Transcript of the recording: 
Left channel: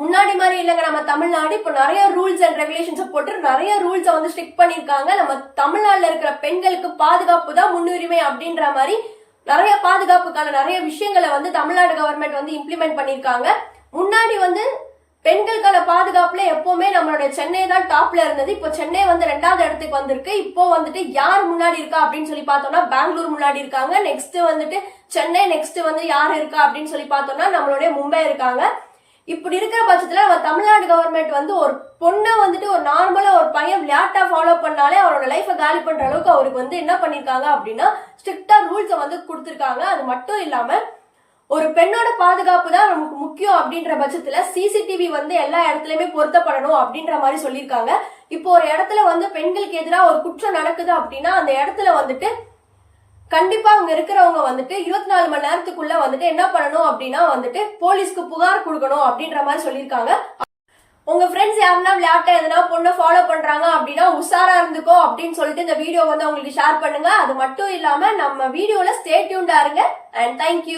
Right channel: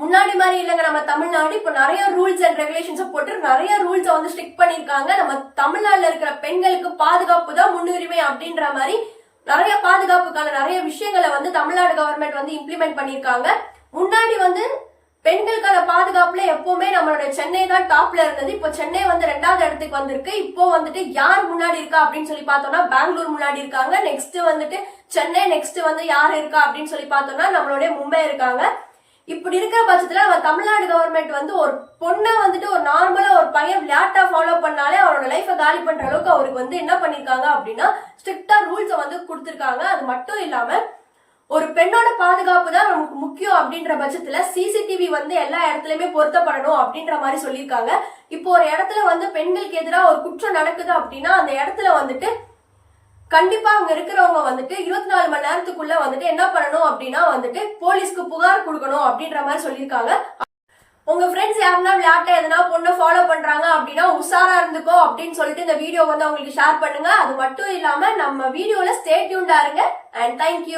முன்னாடி மாதிரி இல்லைங்க நம்ம தமிழ்நாடு இப்போ நிறைய ரூல்ஸ் அண்ட் ரெகுலேஷன்ஸ் போட்டு நிறைய ரூல்ஸை வந்து ஸ்ட்ரிக்ட் பண்ணிருக்காங்க. நம்ம தமிழ்நாட்டுல இருக்கிற பெண்களுக்கு பாதுகாப்பு தான் முன்னுரிமை அப்படின்ற மாதிரி நிறைய பாதுகாப்புக்கான நிறைய விஷயங்களை வந்து தமிழ்நாடு கவர்மெண்ட் வந்து இம்ப்ளிமெண்ட் பண்ணிருக்காங்க. முன்னாடி வந்து பெண்களுக்கான பாதுகாப்புல எப்பவுமே நம்மளோட சென்னை தான் டாப்ல இருந்தது. இப்போ சென்னை வந்து 2வது இடத்துக்கு வந்திருக்கு. இப்போ வந்துட்டு யார் முன்னாடி இருக்கா அப்படின்னு சொல்லி பார்த்தோம்னா பெங்களூர் முன்னாடி இருக்காங்க. நெக்ஸ்ட் வந்துட்டு சென்னை, நெக்ஸ்ட் வந்து யார் இருக்கா அப்படின்னு சொல்லி பார்த்தோம்னா நம்மளுடைய மும்பை இருக்காங்க. இப்படி இருக்கிற பட்சத்துல நம்ம தமிழ்நாடு கவர்மெண்ட் வந்து ஒரு பொண்ணை வந்துட்டு ஒரு நார்மலா ஒரு பையன் விளையாட்டா ஃபாலோ பண்ணாலே அவரோட லைஃபை காலி பண்ற அளவுக்கு அவருக்கு வந்து என்ன பண்ணிருக்காங்க அப்படின்னா ஸ்ட்ரிக்டா ரூல்ஸை வந்து கொடுத்திருக்காங்க. அது மட்டும் இல்லாம ஒரு பெண்ணோட பாதுகாப்பு தான் நமக்கு முக்கியம் அப்படின்ற பட்சத்துல சிசிடிவி வந்து எல்லா இடத்துலயுமே பொருத்தப்படணும் அப்படின்ற மாதிரி சொல்லியிருக்காங்க. இப்போ ஒரு இடத்துல வந்து பெண்களுக்கு எதிராக ஒரு குற்றம் நடக்குது அப்படின்னா அந்த இடத்துல வந்துட்டு கண்டிப்பா அங்க இருக்கிறவங்க வந்துட்டு 24 மணி நேரத்துக்குள்ள வந்துட்டு என்ன பண்ணணும் அப்படின்னா வந்துட்டு போலீஸ்க்கு புகார் கொடுக்கணும் அப்படின்ற மாதிரி சொல்லியிருக்காங்க. உங்க ஃப்ரெண்ட்ஸ் யாருன்னா விளையாட்ட எதனா பொண்ணை ஃபாலோ பண்றாங்க அப்படின்னா உஷாரா இருந்துக்கோ அப்படின்னு சொல்லிட்டு இந்த வீடியோ வந்து அவங்களுக்கு ஷேர் பண்ணுங்க. அது மட்டும் இல்லாம நம்ம வீடியோல ஸ்டே டியூன்டா இருங்க. And thank you.